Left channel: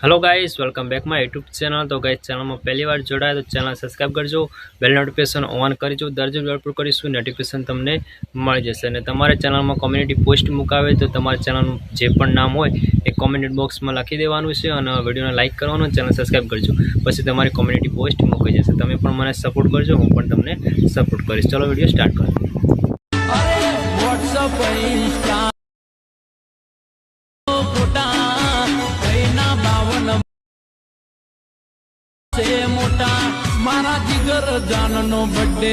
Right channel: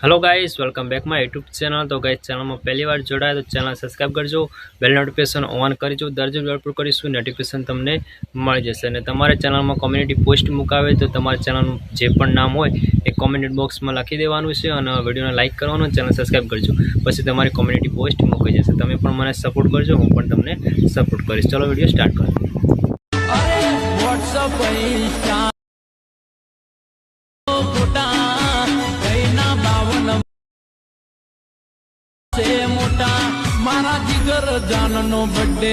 Hello guys welcome back my YouTube channel. तो guys channel में पहली बार जोड़ाया तो चैनल सब्सक्राइब करजो, बेल नोटिफिकेशन ऑन करजो। दररोज अपलोड करीशुं नोटिफिकेशन तमने मळी जशे। अने तमारे चैनल में कम्युनिटी पोस्ट मुकावे तो तमारे चैनल जे पण नाम होय ए कमेंट बॉक्स में लखी देवानुं छे अने विडियोने लाइक करवानुं, चैनल सब्सक्राइब करजो। पछी तमारी कम्युनिटी पोस्ट मुकाई जशे। तमे पण मने सपोर्ट करजो, हूँ पण तमने सपोर्ट करीश। चलो विडियो स्टार्ट करो। મોટા મારા જીગર જાનનો બર્થડે